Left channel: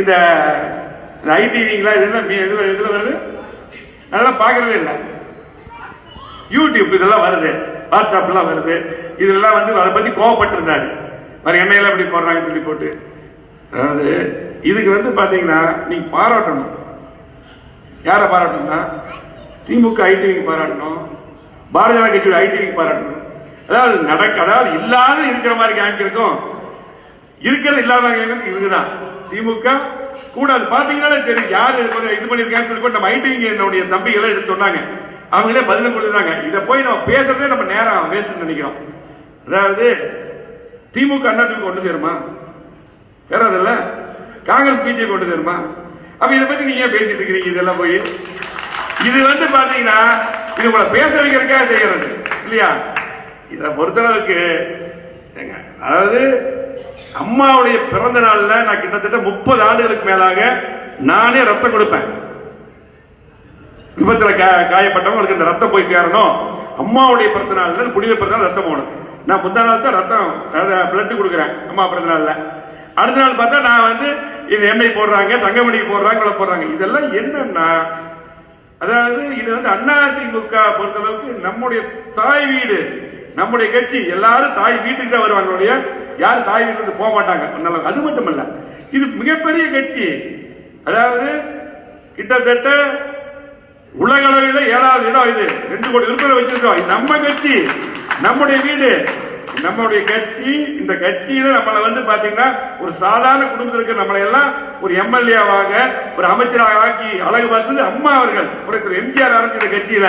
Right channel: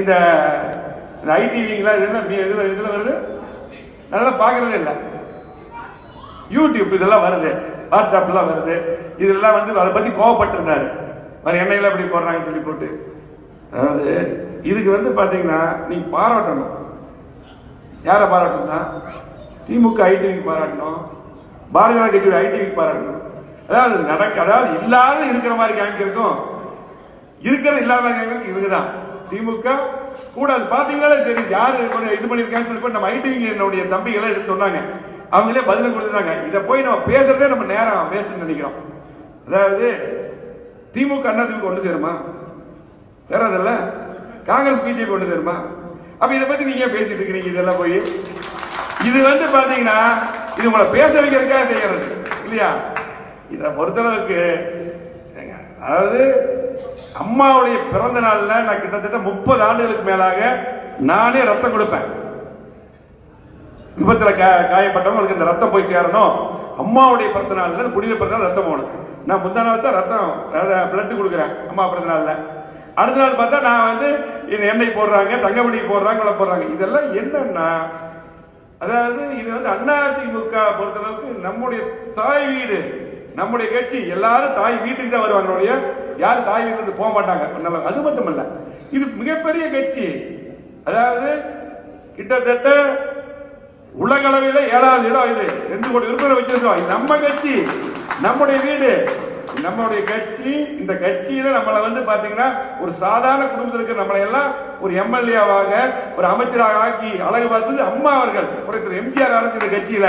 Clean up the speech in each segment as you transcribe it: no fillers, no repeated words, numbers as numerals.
இந்த ஐடிவிங்களா இதெல்லாம் இதுல வருது, அதெல்லாம் பார்க்கறதே இல்லை. யூடியூப் இதெல்லாம் வருது, வாட்ஸ்அப்லாம் வருது, இதெல்லாம் வந்து அதை பத்தி கோவப்பட்டிருந்தாரு. வேற எண்ணெயில அப்படி போடுறாங்கன்னு சொல்லி போட்டு, அதாவது இதுக்கு வந்து பாத்தீங்கன்னா நீங்க பாராட்டணும். யாரை பாராட்டணும்னா திமுக ஐடிவிக்கு பாராட்டணும், பாரதிய ஜனதா கட்சியோட ஐடிவிக்கு பாராட்டணும். அதாவது இல்லாத இருக்கிற மாதிரி காமிக்கிறதுக்கும் இருக்கிறது இல்லாத இவங்கதான் திமுக கூட. அது பாத்தீங்கன்னா தெரியும் யாரு இது பண்ணிருக்காங்க சொல்லி நம்ம ஐடிவிங்க தம்பிகளை எடுத்து சொன்னாங்க. அவங்களே பதிலும் கொடுத்தாங்க. இதை போய் நம்ம பேசுறதே நம்ம நேரம் வேஸ்ட் நினைக்கிறோம். அதாவது திமுக அண்ணா திமுக கொண்டு சேருமா? சேராதில்ல. காங்கிரஸ் பிஜேபி கொண்டு சேருமா? அப்ப இதை பத்தி நீங்க பேசிட்டு இருக்கிறீங்க. இதெல்லாம் போய் இது வந்து பாத்தீங்கன்னா இது உங்களை பேச வைக்கிறதுக்காக செய்யறது இல்லையா? இதை பொறுத்தளவுக்கு அதாவது அம்மாவுடைய பிறந்த நாள்ல நான் கிட்டத்தட்ட 30 ஆண்டுகளுக்கு மேலாக நானே ரத்தம் கொடுப்பேன். விபத்துல காயப்பட்டவங்களுக்கு இந்த ரத்தம் போய் சேரணும். அம்மாவுடைய பிறந்த நாள்ல புனித பிறந்த நாள் ரத்தம் போகணும். நான் முந்தா நாள் தான் ரத்தம் பிளட் கொடுக்குறேன் அம்மா பிறந்த நாள்ல. அடுத்த நாள் பார்த்தா நான் வந்து இந்த எண்ணெய் போடுறாங்க, தங்கமணிக்கு போடுறாங்க, போடுறாங்க. இதெல்லாம் என்னன்னா அதாவது இது வந்து அதிமுக பொறுத்தளவுக்கு நம்முடைய தாய் வீடு, நம்முடைய கட்சி. எல்லாரும் தாய் வீட்டுக்கு தான் வருவாங்க, யாரும் தாய் வீட்டுக்கு போக மாட்டாங்க. அது மட்டுமல்ல, இது மிகப்பெரிய கட்சி. அதாவது கிட்டத்தட்ட உலக அளவில் 7வது இடம். இது 2 கோடி உறுப்பினர் வச்சிருக்கோம். நம்ம கட்சி, நம்முடைய வீடு, நம்முடைய கட்சி. இந்த கட்சியில நம்மளை வந்து பாத்தீங்கன்னா ஒரு சாதாரண குடும்பத்தில் இருக்கிற நம்மளை எல்லாம் ஒரு எம்எல்ஏவாக ஒரு அமைச்சராக ஆக்கி அழகு பார்த்தது அம்மா அவர்கள், எம்ஜிஆர் அவர்கள். இந்த கட்சியில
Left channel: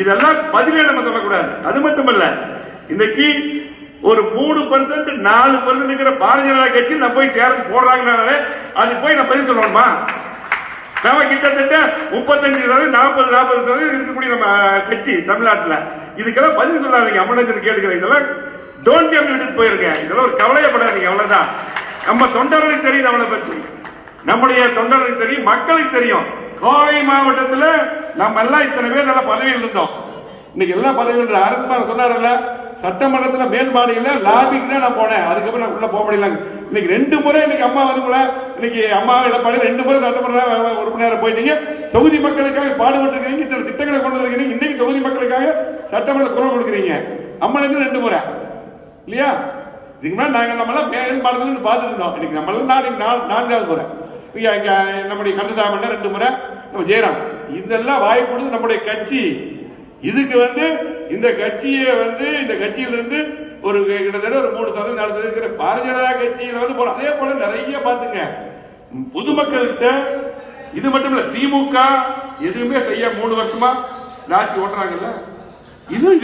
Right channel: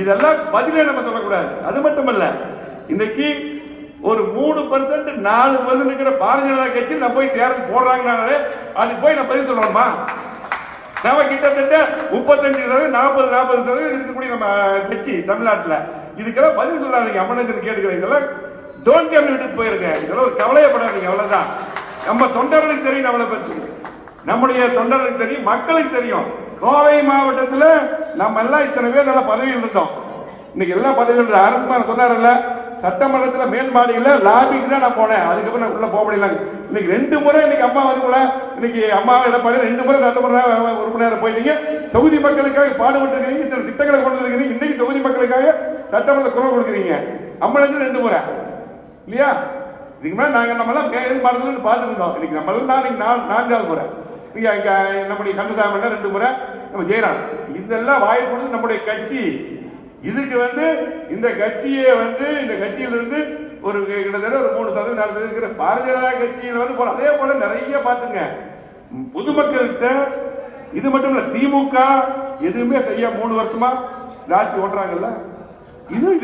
இதெல்லாம் பதிலே நம்ம சொல்லக்கூடாது. அது மட்டுமல்ல, இன்னைக்கு ஒரு 3% 4% இருக்கிற பாரதிய ஜனதா கட்சி நம்ம போய் சேர்ந்து போடுறாங்கனாலே அது போய் நம்ம பதில் சொல்லணுமா? நம்ம கிட்டத்தட்ட 35% 40% இருக்கக்கூடிய நம்ம கட்சி தமிழ்நாட்டில். இதுக்கெல்லாம் பதில் சொல்லாதீங்க. அம்மனத்தில் கேட்டுக்கிறேன். இதெல்லாம் டோன்ட் கேம் விட்டுட்டு போயிருங்க. இதெல்லாம் ஒரு கவலையப்படாதீங்க. அவ்வளவுதான். நம்ம தொண்டர்களுக்கு தெரியும், நம்மளை பற்றி நம்முடைய தொண்டர்களுக்கு தெரியும், மக்களுக்கு தெரியும். கோவை மாவட்டத்தில் நம்ம எல்லாம் இத்தனை பேர் நல்ல பதவியில் இருந்தோம். இன்னைக்கு எல்லா பதவியில் அரசு சொன்னார்ல, சட்டமன்றத்தில் மேம்பாடுல லாபிக்கு தான் நான் போனேன். அதுக்கப்புறம் நான் உள்ள போக முடியல. இன்னைக்கு 2 முறை இன்னைக்கு அம்மா வந்து இன்னைக்கு அம்மா எடப்பாடி 2 முறை சட்டமன்ற உறுப்பினர் போயிட்டீங்க. தொகுதி மக்களுக்காக பாடுபட்டு இருக்கீங்க, இத்தனை திட்டங்களை கொண்டு வருகிறீங்க. இன்னைக்கு தொகுதி மக்களுக்காக சட்டமன்ற குரல் கொடுக்குறீங்க. அம்மனுக்கு 2 முறை இல்லையா? இதுக்கு மேலே நாங்கள் நம்மளாம் மேம்பாடுன்னு பார்த்துட்டு இருந்தோம். இன்னைக்கு நம்மளும் 4வது முறை. நம்முடைய கந்தசாமி 2 முறை, நம்ம ஜெயராம். இதெல்லாம் வாய்ப்பு கொடுத்து நம்முடைய கட்சி. இதுக்கு வந்து இந்த கட்சியை வந்து இந்த கட்சியிலிருந்து ஒரு கிட்டத்தட்ட ஒரு 3% 4% பாரதிய ஜனதா கட்சியில் வந்து போல. அதே போல நிறைய பாத்துங்க பொதுமக்கள்கிட்ட. இது மட்டும் இல்ல, திமுக எதுவுமே செய்ய 3 வருஷமா ஆட்சி ஓட்டுறாங்கல்ல, இது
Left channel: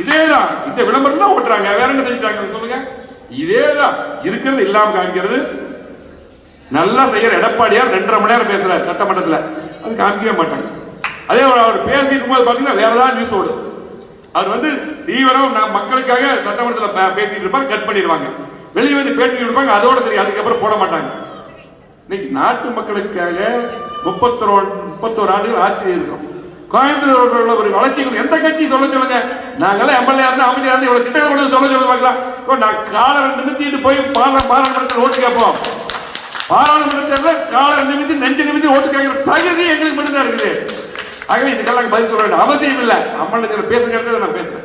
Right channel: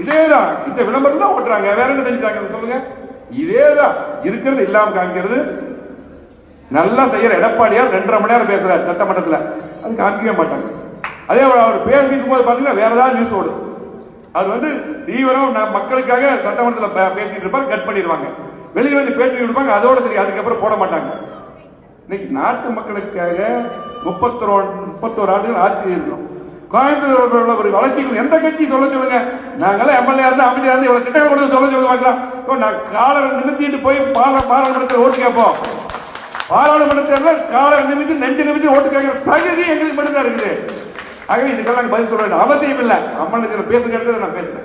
இதேதான். இந்த விளம்பரம் தான் ஓட்டுறாங்க. வேற என்ன செஞ்சுட்டாங்க சொல்லுங்க? இதேதான் இருக்கிறது இல்லாம காமிக்கிறது. நல்லா செய்யற எடப்பாடியார் 2.5 மணி நேரம் பேசுறாரு சட்டமன்றத்தில், அது காமிக்கவே மாட்டாங்க. அதே அவர் பேசிட்டு போது பாத்தீங்கன்னா வேற ஏதாவது நியூஸ் ஓடு. அவர் வந்து தீவிரம் மக்களுக்காக சட்டமன்றத்தில் பேசிட்டு இருப்பாங்க, கட் பண்ணிடுவாங்க. வெளியே வந்து பேட்டி இருப்பாங்க, அதோட சரி, அதுக்கப்புறம் போட மாட்டாங்க. இன்னைக்கு நாட்டு மக்களுக்காக 31 ஆண்டுகள் ஆட்சி இருக்கிறோம். கோயம்புத்தூர் ஒரு வளர்ச்சிக்கு எந்த கட்சி சொல்ல சொல்லுங்க. நாங்கெல்லாம் எம்எல்ஏ இருந்து அமைச்சர் இருந்து இவ்வளவு திட்டங்கள் கொண்டு சொல்ல பார்க்கலாம். நான் காலர் நிமித்திட்டு போய் பாராளுமன்றத்தில் ஓட்டு கேட்போம். பாராளுமன்றத்தில் காலர் நிமித்தி நெஞ்சு நிமித்தி ஓட்டு கேட்கிற தகுதி எங்களுக்கு மட்டும்தான் இருக்குது. ஆகவே இதுக்கெல்லாம் பதில் சொல்ல வேண்டிய அவசியம் இல்லை. அம்மனுக்கு பேசுகிறது நான் பேசுறேன்.